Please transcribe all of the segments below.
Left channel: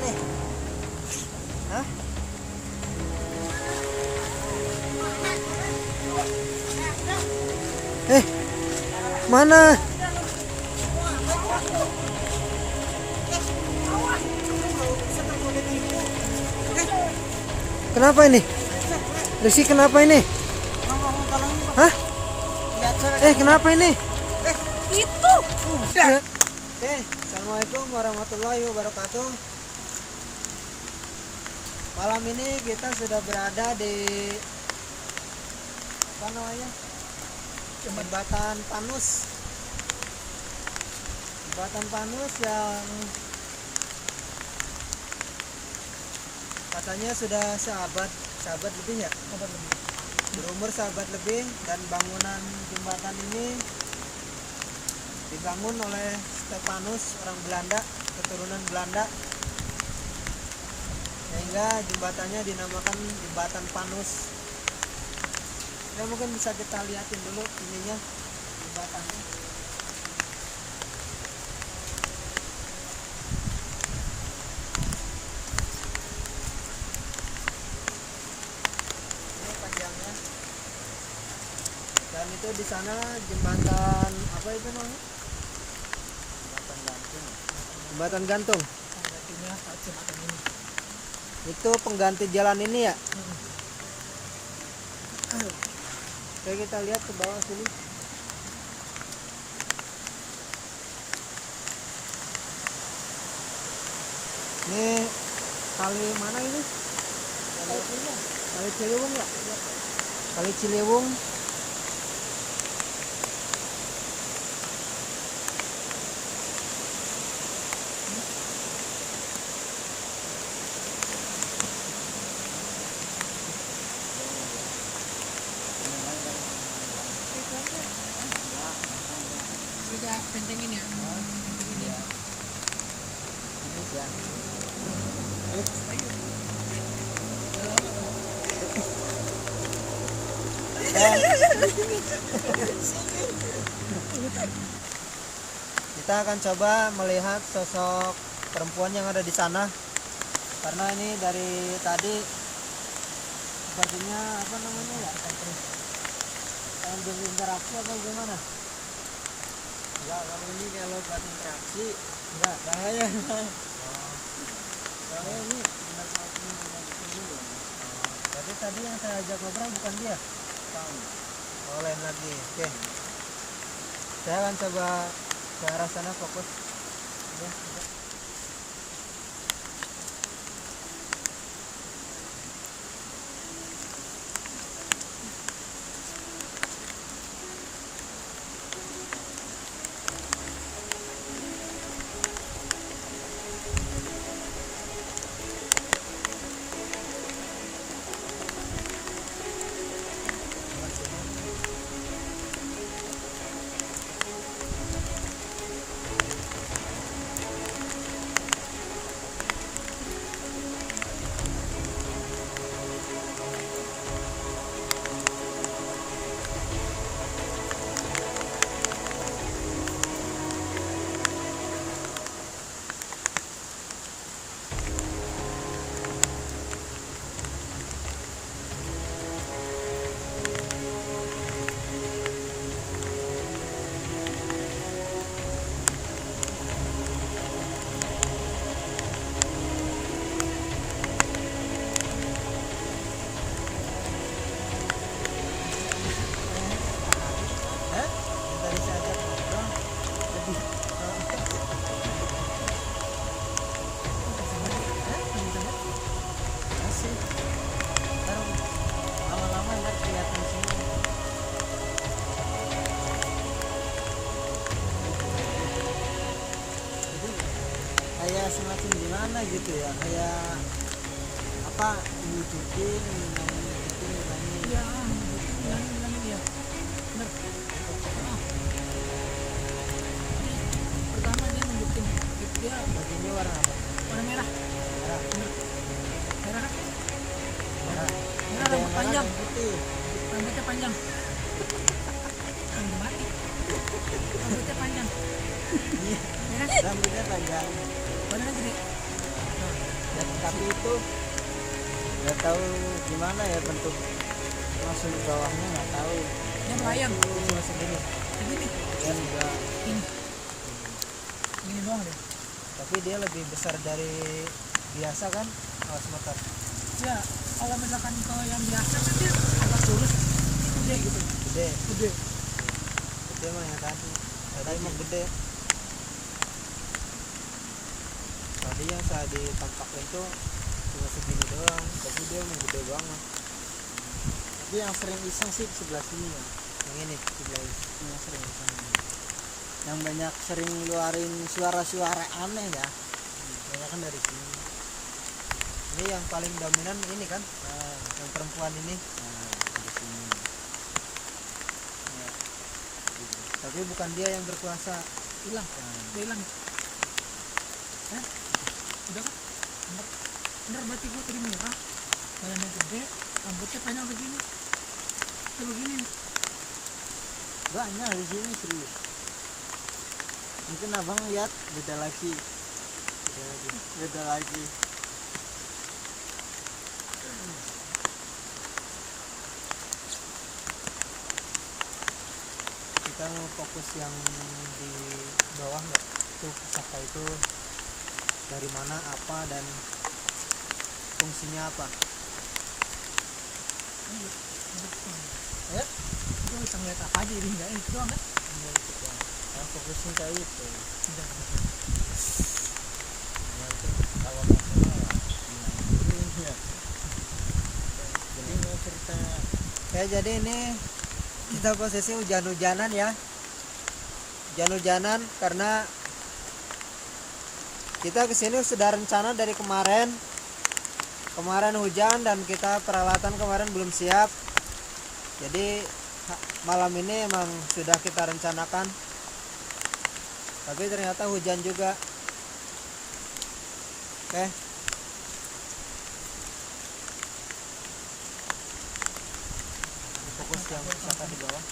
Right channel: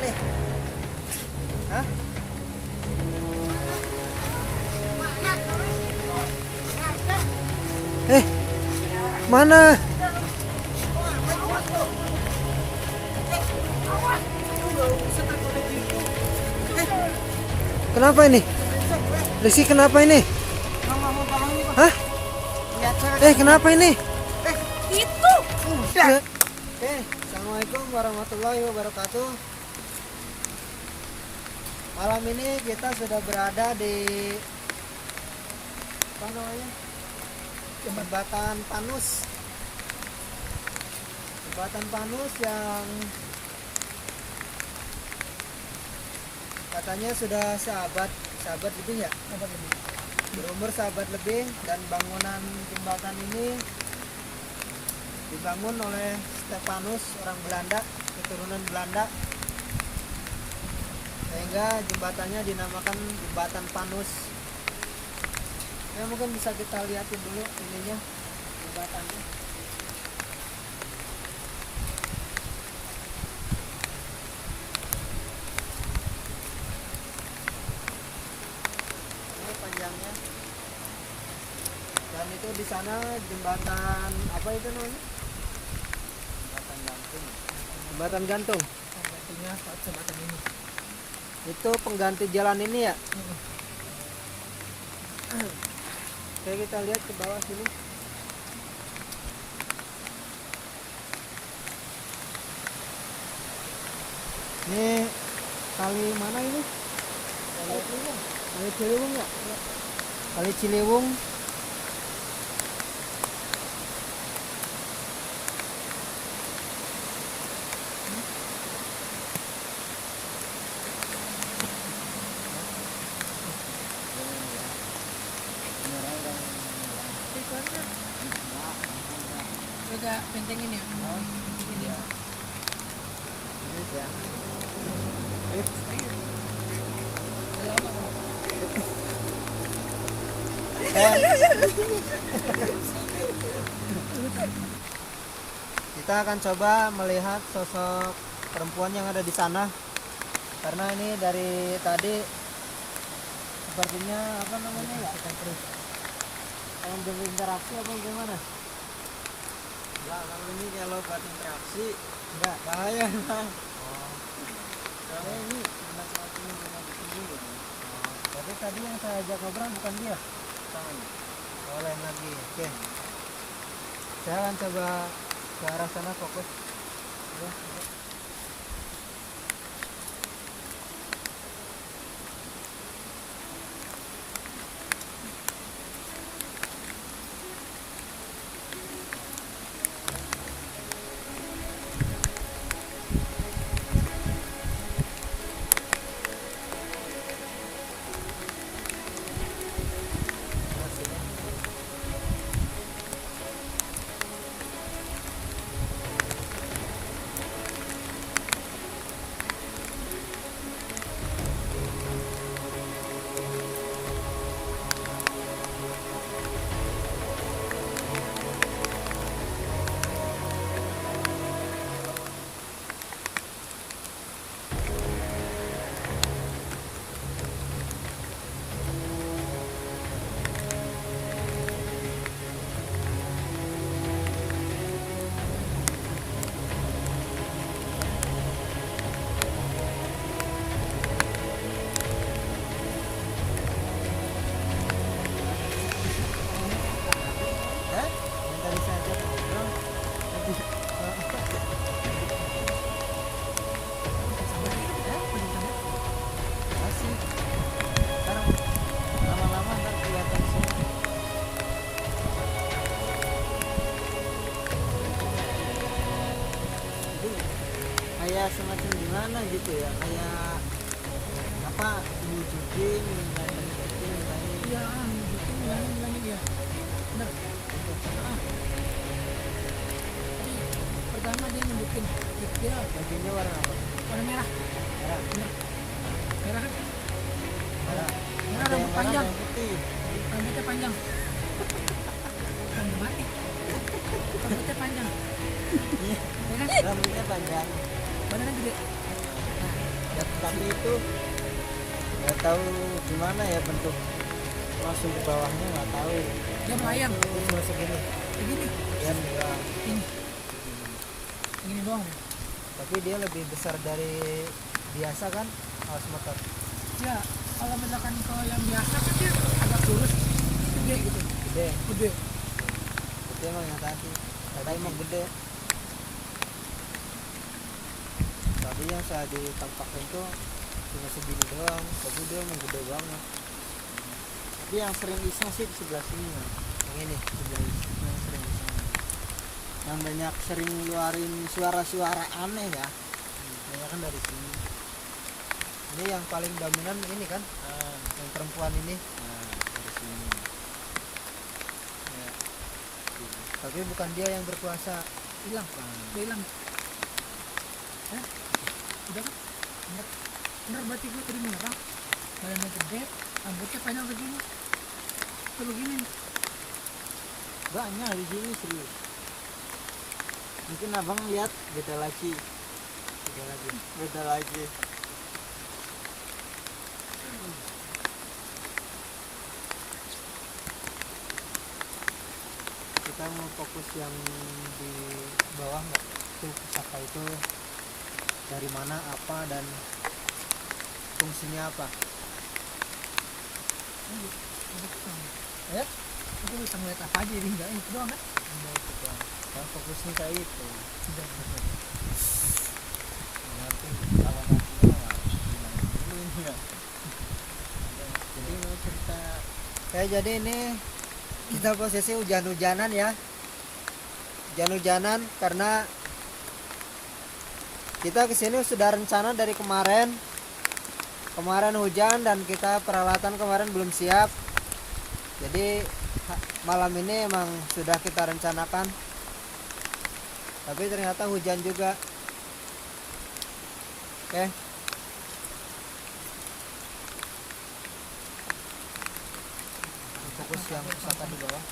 nih? Hah? Mana? Kenapa ini? Rizky kenapa ini? Hah? Kenapa ini? Itu udah. Assalamualaikum warahmatullahi wabarakatuh. Malam ini kita sudah berada di apa namanya? Jembatan Panus. Jembatan Panus yang katanya sudah sahabat lebih ya? Sahabat lebih. Berumur sahabat lebih, dan bangunan jembatan ini dibangun oleh Stefanus, orang Belanda, keturunan Belanda, sehingga jembatannya dinamakan Jembatan Panus. Ya, mungkin bisa kita lihatin dulu ininya, jembatannya. Ini panjangnya. Dan itu di sana jembatan apa itu namanya? Jembatan gantung. Artinya jembatan ini. Itu pengganti jalan ini ya? Oke, kita lihat ke bawah sini. Ini kali mana ini? Kali Ciliwung ya? Kali Ciliwung. Kita bentengin ya. Bentengin ya. Ini ya. Kita akan coba melihat sosok perempuan yang ada di sana, karena ini dari tadi sepertinya apa namanya ya, pengen berinteraksi apa gimana? Enggak, kalau ini kalau buat interaksi enggak, bahaya emang. Soalnya ini benar satu yang di sini ya. Berarti tadi yang saya ajak ngobrol bukan dia? Bukan. Oh, lain lagi. Oke. Saya akan coba ke arah sana fokus. Ya, ya. Kayak semacam gimana gitu ya, kayak apa, nunjukin bilangin. Iya, bilangin ya. Bener. Pertama dia nunjukin dia Bajunya warna apa? warna merah. Merah. Bener. Merah kan? Merah. Merah, rambut panjang. Putih. Rambutnya panjang. Rambut mati. Rambutnya panjang. Iya. Ya kan? Rambutnya panjang. Badannya gede. ya, tapi itu nggak tahu gimana ya bentuk langsung ke bawahnya nggak tahu. Dia melayang. Itu segini Begini. dan ya, Ini. Ini doang deh. tapi dia lebih besar dari biasa kan alas motor. Ya, kalau misalkan ke yang biasa kan dia agak kurus. Ini gede gitu. Gede Gede. itu emang yang tadi emang gede. Tadi yang saya ditampakin tuh cuma segini doang, tapi dia emang gede banget. Tapi yang sering iseng sih di sebelah sini ya, yang ini sebelah sini yang sering iseng, yang banyak sering ngeluarin suara-suara aneh ya, banyak kan dari sini. Ini yang paling dominan ini kan, yang perempuan ini, dari sini. Ya. Tapi bukan dia yang berkuasa. Hilang. Kan. Udah hilang ya? Udah kan? Bener. Bener berarti gue tadi merah. Badannya gede, rambutnya panjang begini. Itu begini nih. Banyak di sini serius. Mungkin abang lihat beda lagi. Beda lagi. Kita fokus yang di bawah nggak? Itu pusaka itu dari mana, apa, dan fungsinya apa? Ya? Itu bisa ngeliat apa aja ini enggak itu doang kan? Udah itu doang. Yang fokusnya kayak itu. Udah. Nanti kalau mau kenal gimana dulu ya. Jadi mau cerita. Ya jadi ini kita posisi hujan-hujanan ya. Hujan-hujanan karena kita kesini sudah rencana dari kemarin. Kemarin hujan dan kita peralatan kemarin belum siap. Jadi malam ini emang sudah kita rencanakan. Tapi ternyata hujan juga. Oke. Fokus yang pusaka di bawah.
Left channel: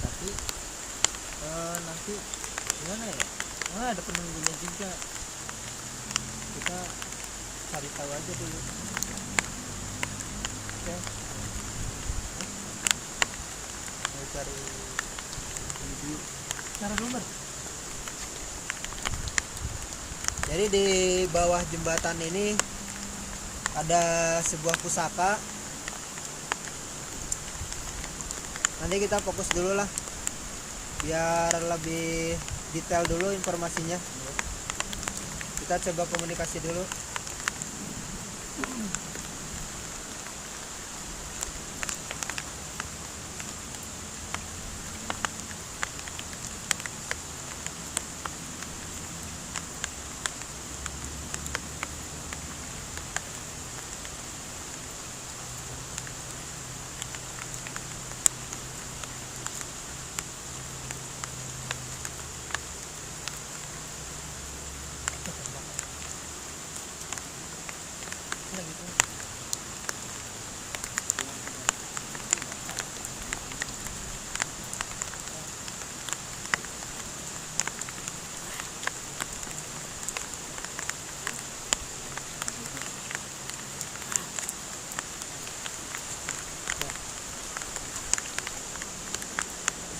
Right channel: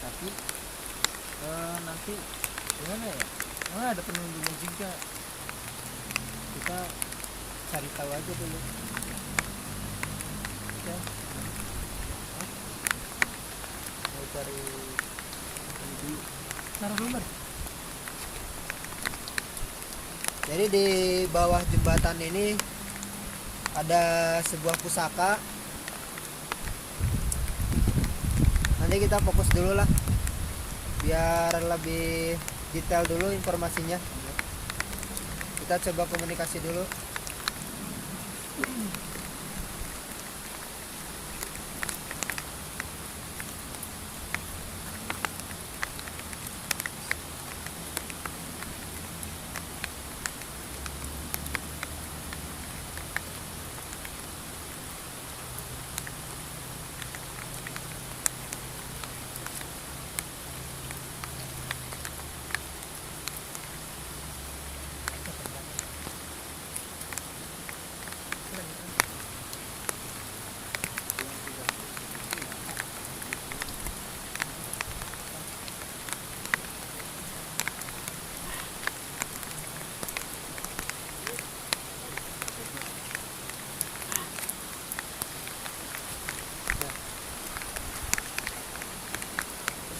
Tapi nanti gimana ya? Ada penunggunya juga. Kita cari tahu aja dulu. Oke. Mau cari ini dulu. Cara sumber. Jadi di bawah jembatan ini ada sebuah pusaka. Nanti kita fokus dulu lah, biar lebih detail dulu informasinya. Kita coba komunikasi dulu.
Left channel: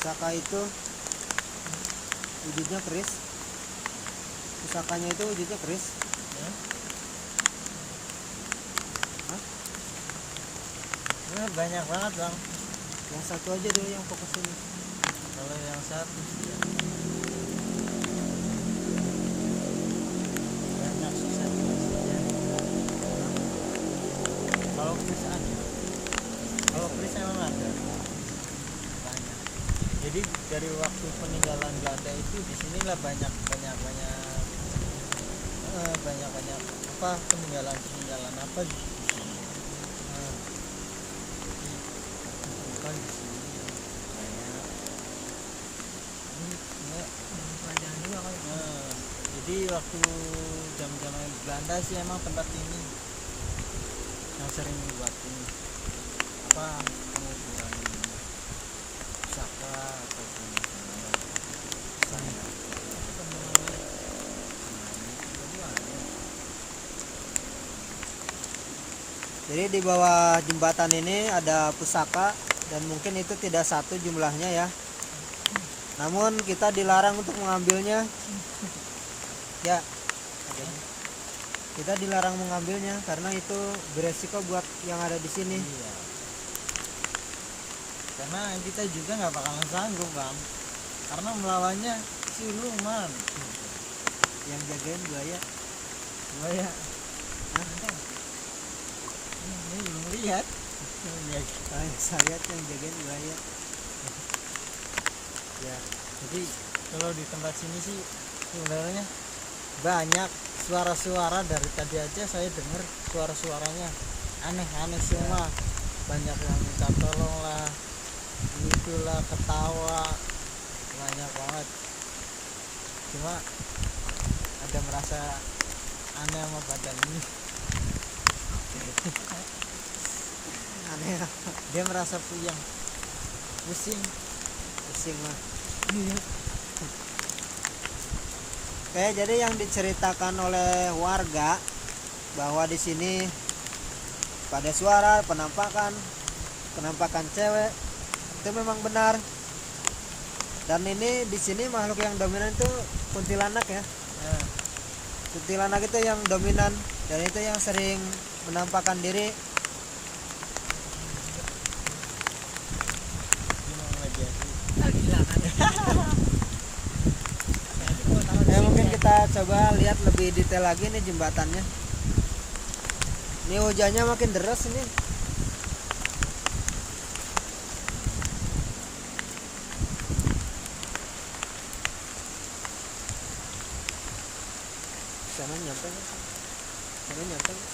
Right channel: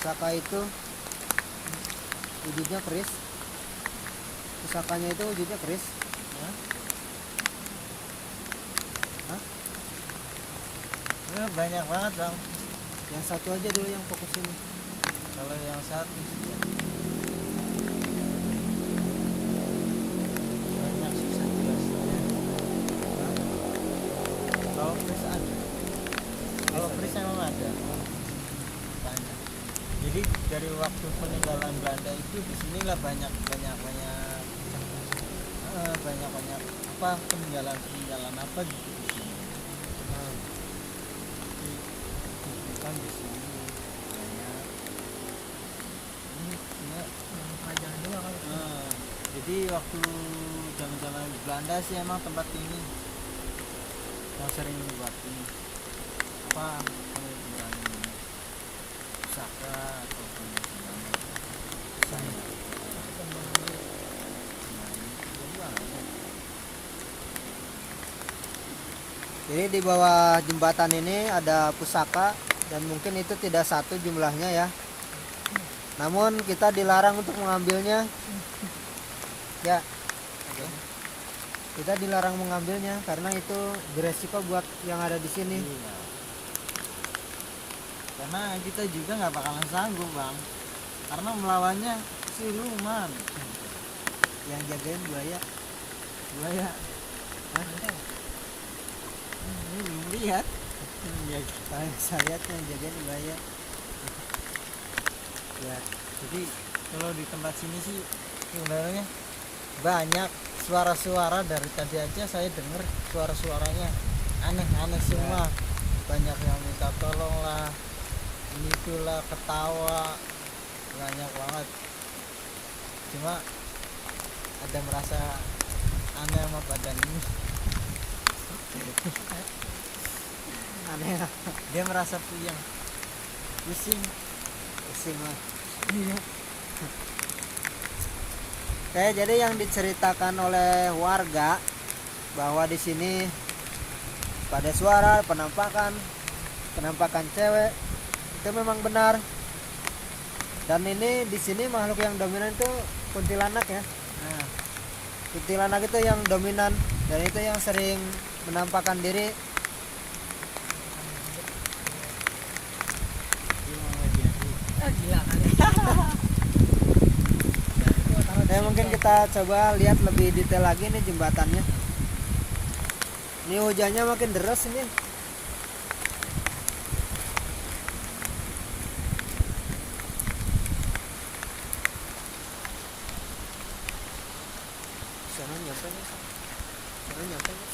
Pusaka itu wujudnya keris. Pusakanya itu wujudnya keris. Ya. Banyak banget dong. Yang satu aja dulu yang fokus ini. Kalau yang satu banyak susah jelasnya. Kalau keris ada. Kalau keris emang ada. Banyak. Jadi dari waktu peninggalan Belanda itu di sinilah banyak apa peninggalan apa gitu di sini. Bukan di sini banyak. Ini Yang kerajaan juga kali. jadi waktu zaman Belanda sih emang tempat ini yang sering buat ini apa pengukuran pusaka ataupun nama misalnya Perkembangan lagi. nah ini juga banyak. Jadi di bawah jembatan ini ada pusaka dan mungkin itu tidak satu jumlahnya ya. Namun kita dilarang untuk mengambilnya. Ya. Kita dilarang mengambilnya karena itu beresiko buat yang ada di sini. Iya. Karena kita juga nggak bakalan sanggup bang, karena melawannya siluman Yang jagain buaya. buaya. Ini belum lihat. Saya tuh yang jagain buaya. Ya, jadi kalau di tempat sini sih sebenarnya banyak suara-suara. Dari tadi aja saya dengar suara-suaranya aneh-aneh semua. Banyak yang minta tolong lah, itulah, ketawa, banyak banget. Cuma ada merasa aneh sama badan ini. Aneh lah. Dia merasa puyeng, pusing. Pusing lah. Iya. Oke, jadi yang diceritakan oleh warga bahwa di sini pada suara penampakan cewek itu memang benar. Dan ini di sini makhluk yang dominan itu kuntilanak ya. Nah, Kuntilanak itu yang dominan dan itu yang sering menampakkan diri. gimana dia sih? Gila kan. Mungkin kita coba lihat lebih detail lagi nih jembatannya. Ini hujannya makin deras ini. Sana nyampe nih. Sana nyampe nih.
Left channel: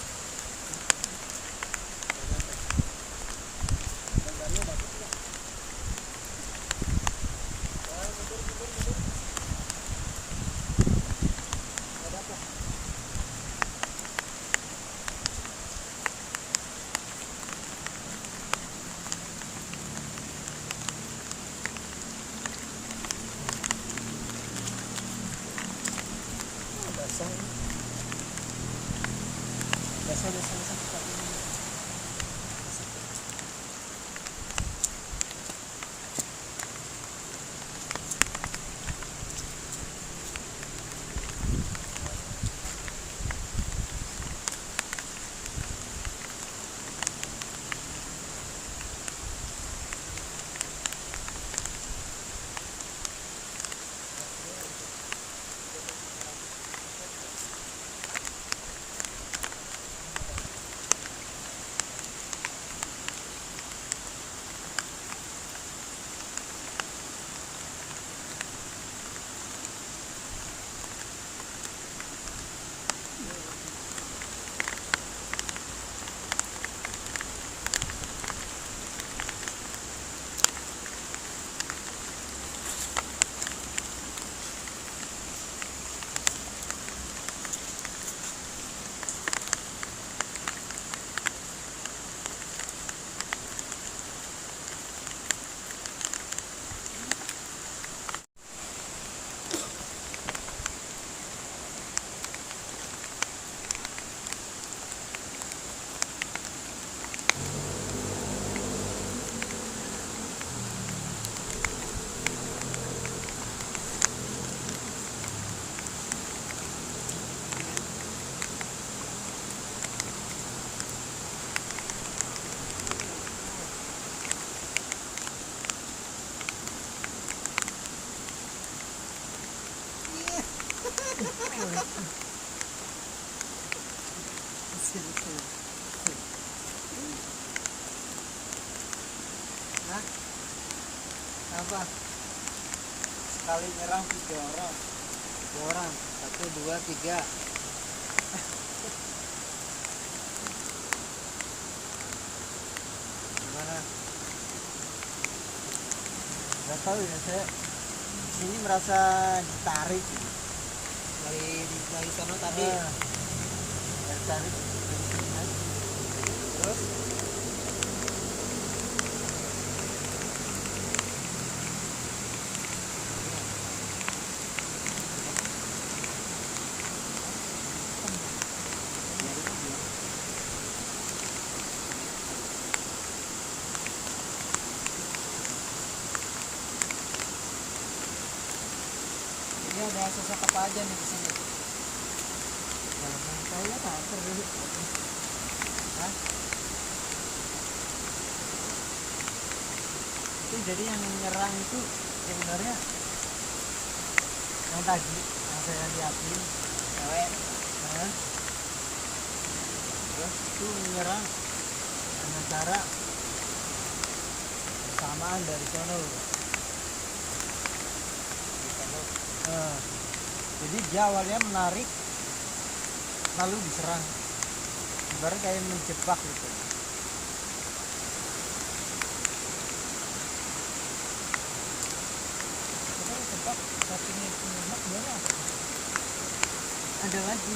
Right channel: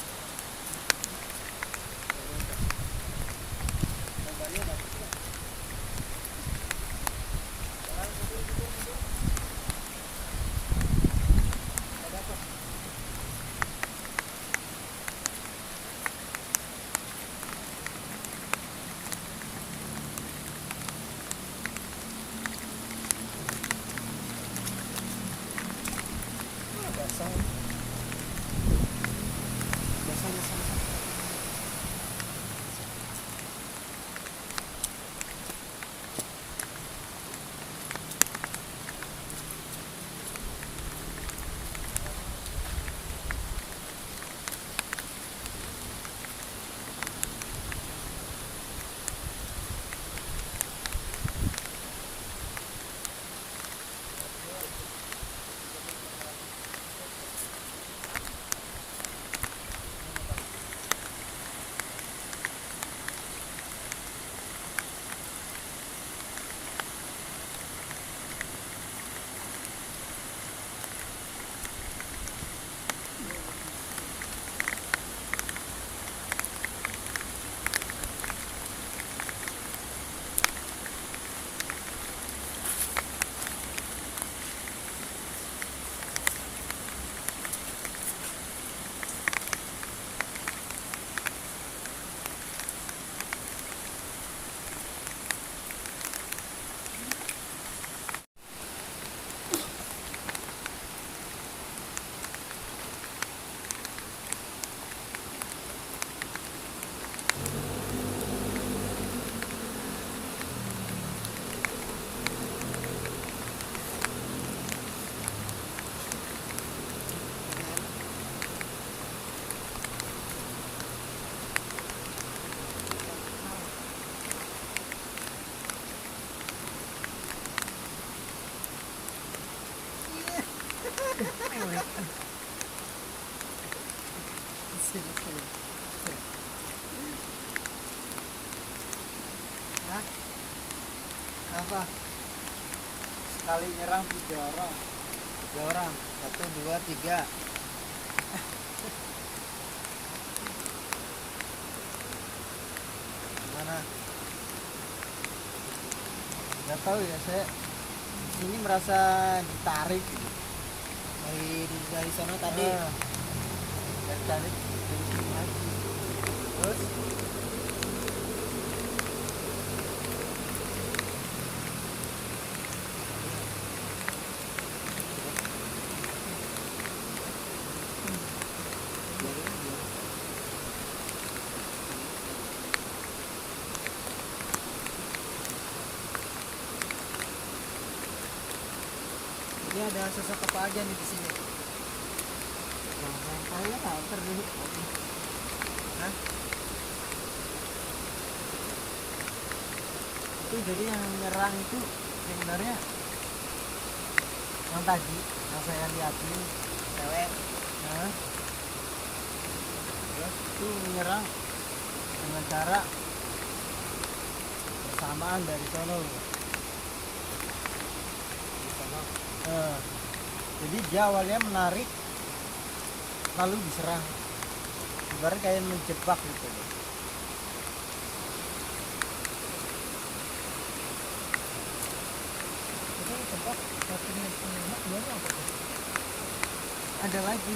Apa? Sekali nyerang 3 orang. 3 orang. 1, 2, 3. Gimana? Gak tahu ya, saya sini merasa ditarik. Dari sana tadi. Tertarik dari sini aja. Terus ada sosok apa aja nih di sini? Ngomong saya lapar dulu. Hah? Itu jadi yang menyerang itu sebenarnya yang tadi yang saya lihatin Cewek. nah, itu menyerang dengan cara bersamaan dari sono loh. Eh, jadi dia awalnya menarik lalu diserang, ibarat kayak menjebak gitu. Kita tebak satunya punya dua apa tuh? Ada lagi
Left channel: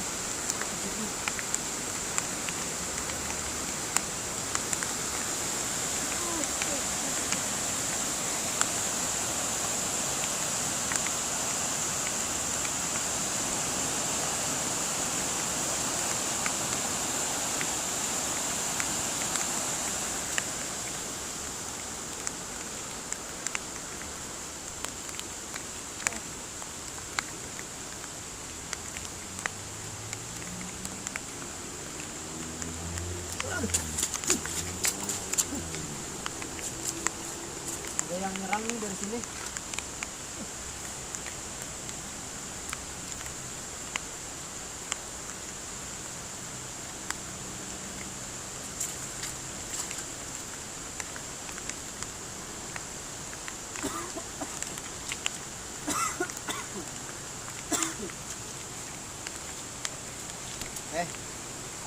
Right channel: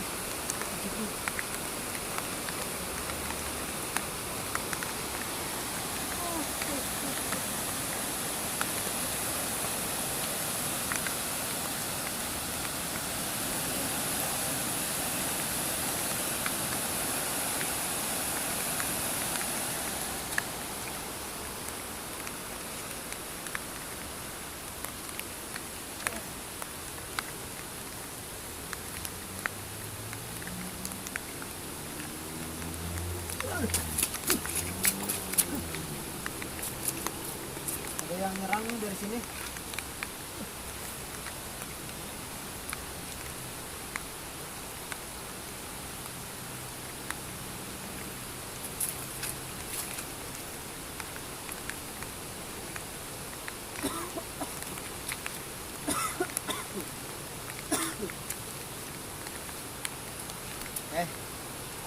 ada yang nyerang nih dari sini.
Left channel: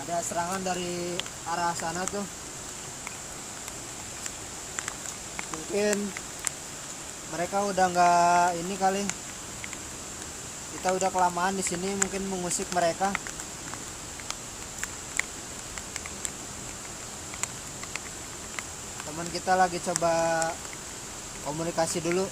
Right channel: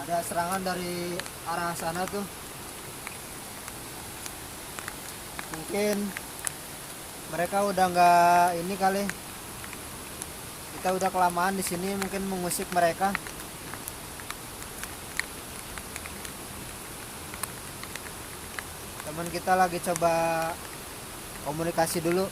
Ada serangan dari arah sana tuh. Mungkin mereka udah nggak ini kali. Kita udah kelamaan di sini, mungkin mengusik mereka. Teman kita lagi coba komunikasi dulu.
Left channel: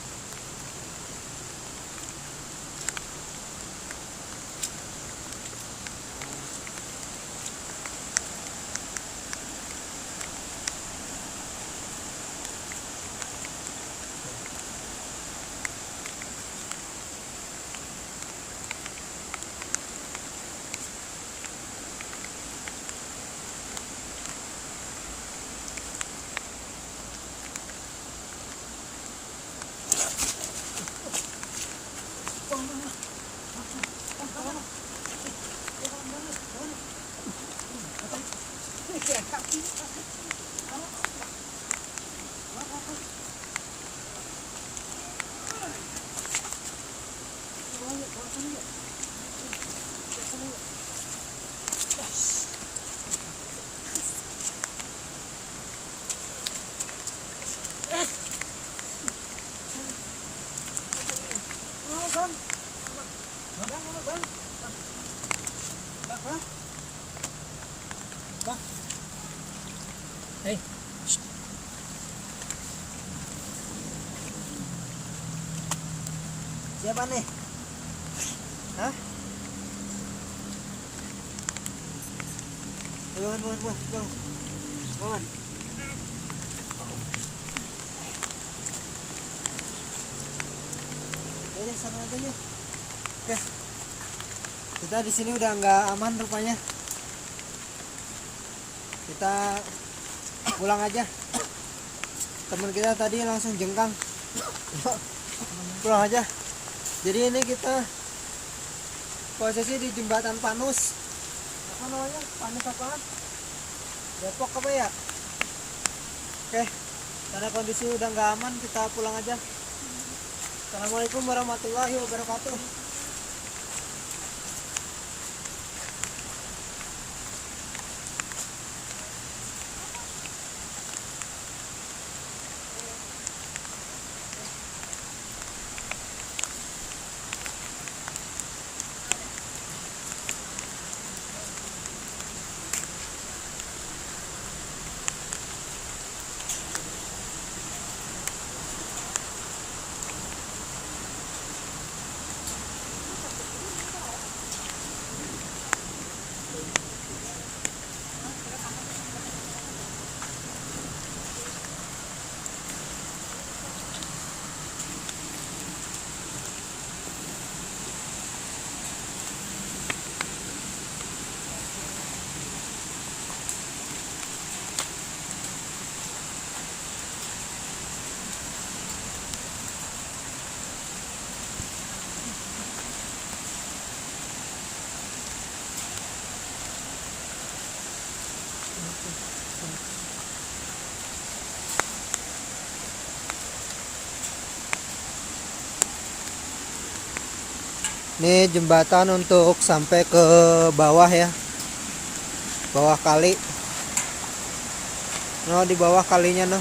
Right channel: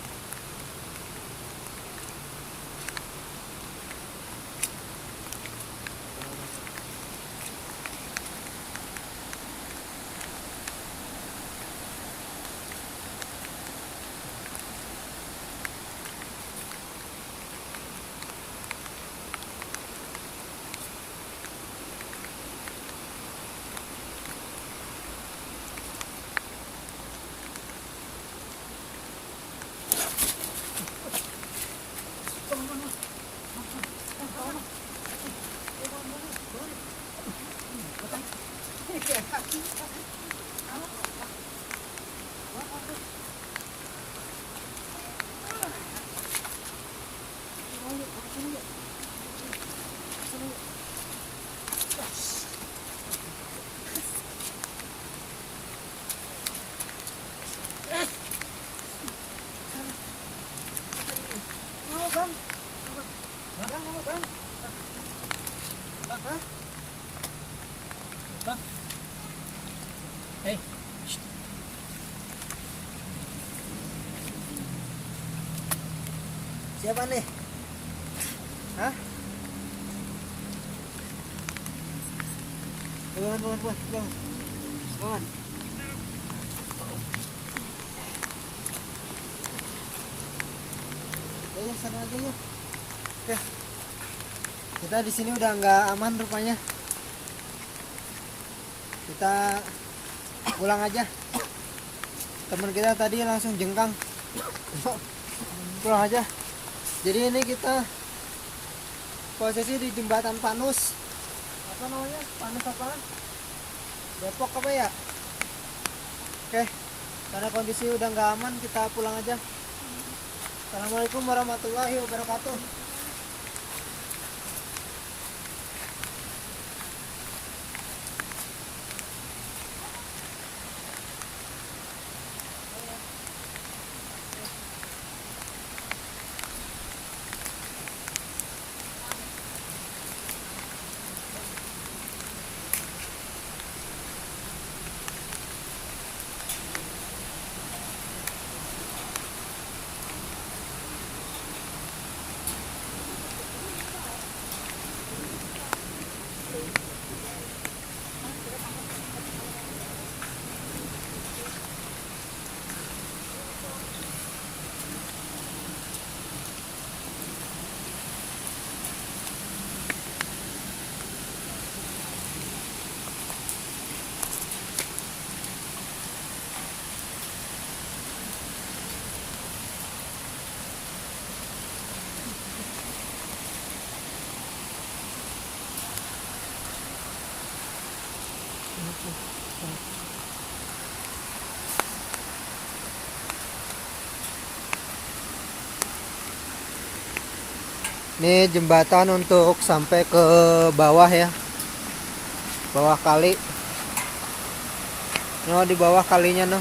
Hei, Siapa nih? Hah? Bangun. Ya, sana aja ya. Ya. Kita di sini udah nggak aman rupanya. Kita pulang aja. Teman kita tadi langsung jengkang. Pulang aja. Jadi ini kita posisi di jembatan Panus. Apa namanya? Panus apaan? Depok apa ya? Oke. Karena kondisi udah nggak aman, kita pulang aja. Assalamualaikum warahmatullahi wabarakatuh. Ini jembatan untuk sampai ke bawah ya, bawah kali. No, di bawah kalinya no.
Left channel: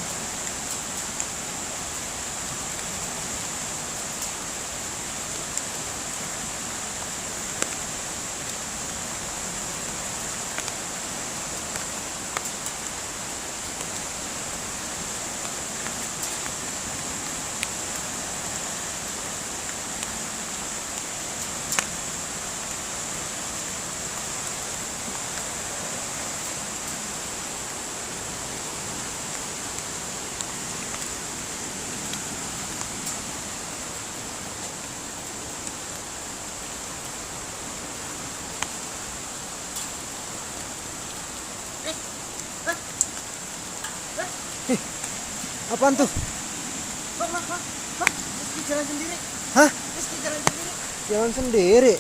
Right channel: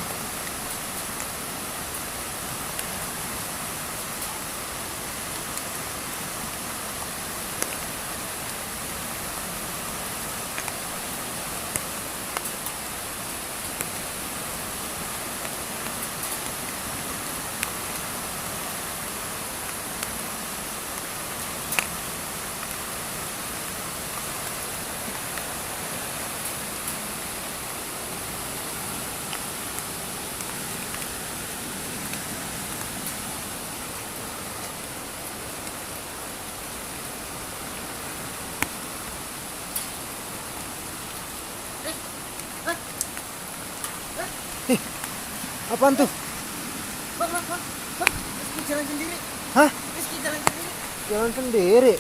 Apaan tuh? Rizky jalan sendiri. Hah? Rizky jalan sendiri. Jalan sendiri.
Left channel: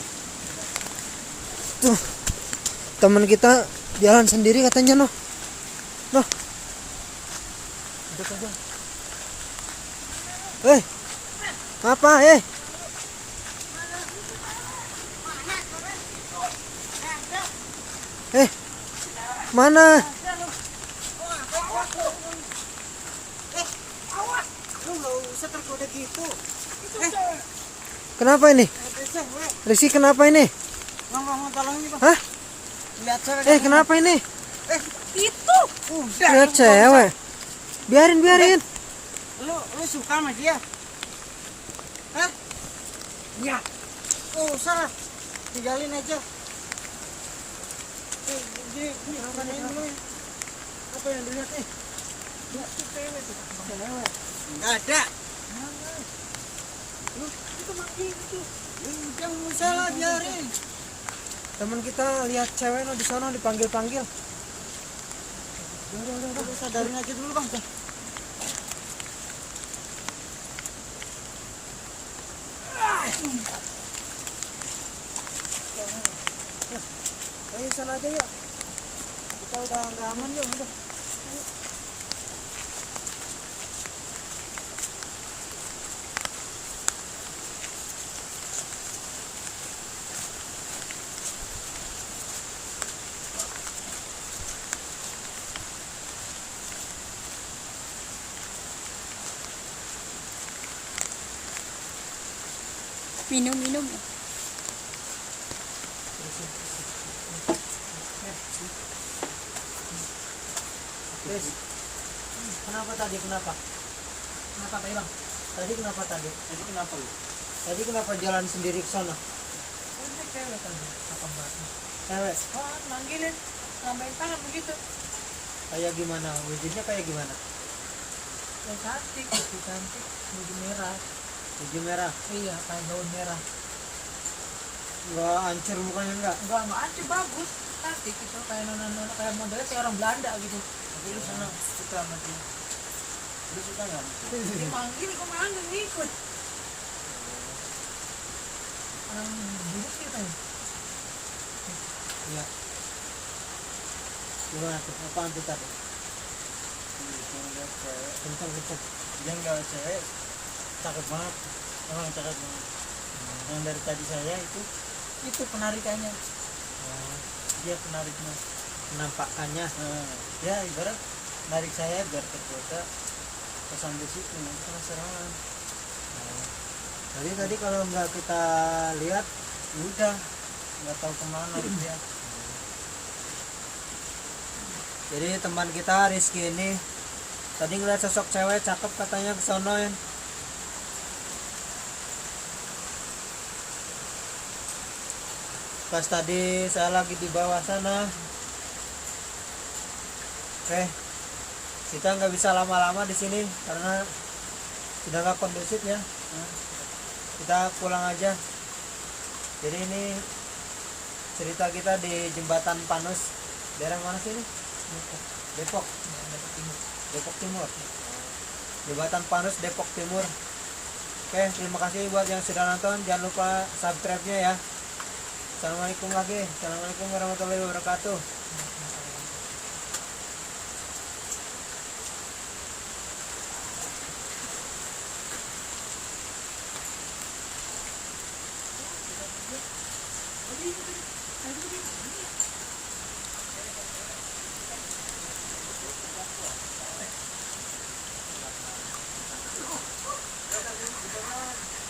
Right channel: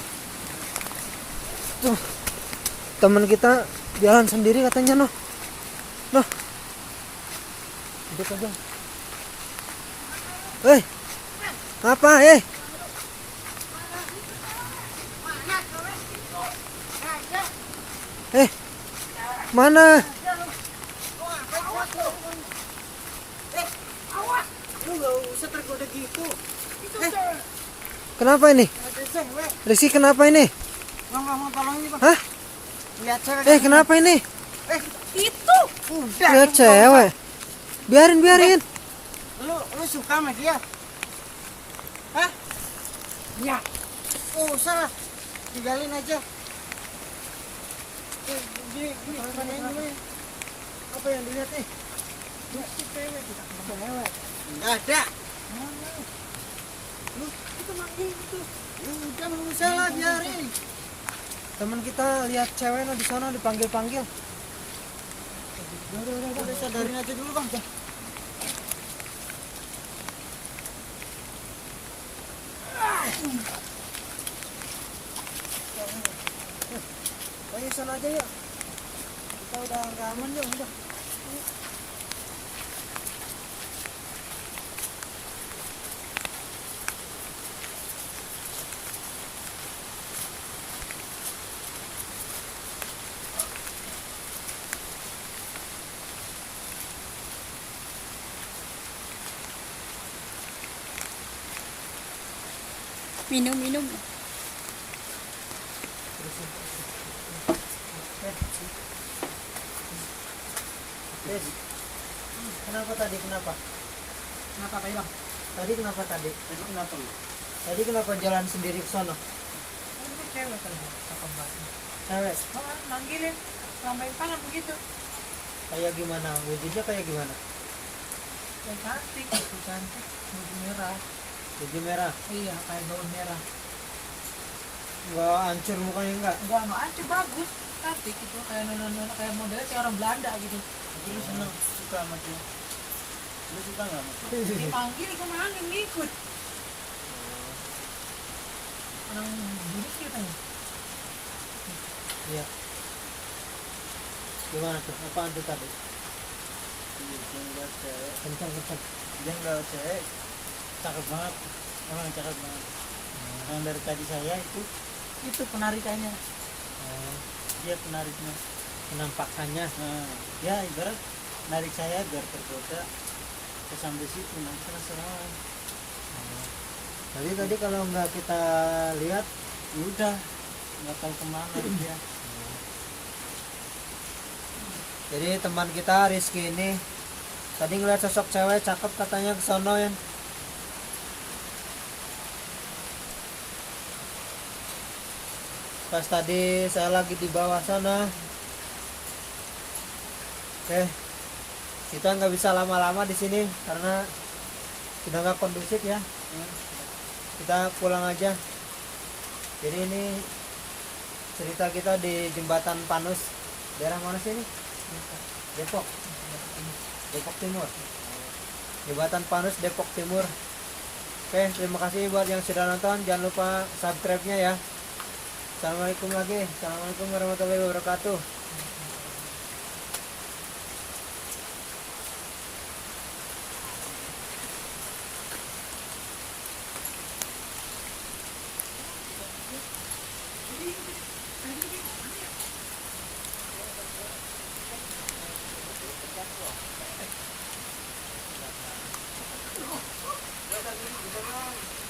Tuh, teman kita jalan sendiri katanya noh. Noh. Duduk aja. Apa mana? Lu nggak usah tergoda gitu. Kenapa ini? Rizky kenapa ini? Bang, mau tolong ini bang. Hah? Lihat cewek. Kenapa ini? Itu. Udah. Lihat cewek. Biarin. Lu suka sama dia? Hah? Ya. Usah. Tinggalin aja. Gini, manain dulu ya. Apa yang dilihat nih? Cewek. Nggak ada. Lu itu manggil itu. Ya udah, nggak usah lah, biarin. Teman kita lihat cewek no di sana dipanggil-panggil. Udah sadarin aja dulu bang. Ayo sana aja yuk. Kita udah nggak aman yuk. Udah. Minum. Yes. Kenapa tadi? Kenapa tadi bang? Tadi kenapa lu? Tadi kenapa jalan sendiri ke sana? Ini cewek kan, cakep banget. Cewek? Oh, manggilin, lambain tangan begitu. Kayak gimana? Wujudnya kayak gimana? Yang cantik, baju merah. Baju merah? Iya, kayak gaun merah. Nggak hancur mukanya nggak? Enggak anjir, bagus. Cantik gitu, kayak nona kayak modelnya kayak orang Belanda gitu. Tapi lu seneng, suka sama dia. Lu suka nggak sama dia? Dia manggil, gue manggil ngikut. Orang buruk sih katanya. Iya. Gimana tuh? Apaan tuh tadi? Dia ngeliat cewek. Kencang. Dia ngeliat cewek. Cakep banget. Emang cakep banget. Yang dari tadi saya itu penarikannya. Dia penariknya. Penampakannya. Nah, ya ibarat narik saya biar tergoda ke sampai situ, nanti penasaran. Jadi tadi kalau nggak kita lihat, Ya udah, nggak tahu kemana dia. jadi teman kita Rizky ini tadi ngeliat sosok cewek cakep katanya ke sono ya. Pas tadi saya lagi di bawah sana. Oke, kita nggak bisa lama-lama di sini karena sudah nggak kondusif ya. Kita pulang aja. Jadi ini cerita kita di Jembatan Panus. Daerah mana sih ini? Depok Timur. Jembatan Panus Depok Timur. Oke, terima kasih buat yang sudah nonton. Jangan lupa subscribe-nya ya. Assalamualaikum warahmatullahi wabarakatuh.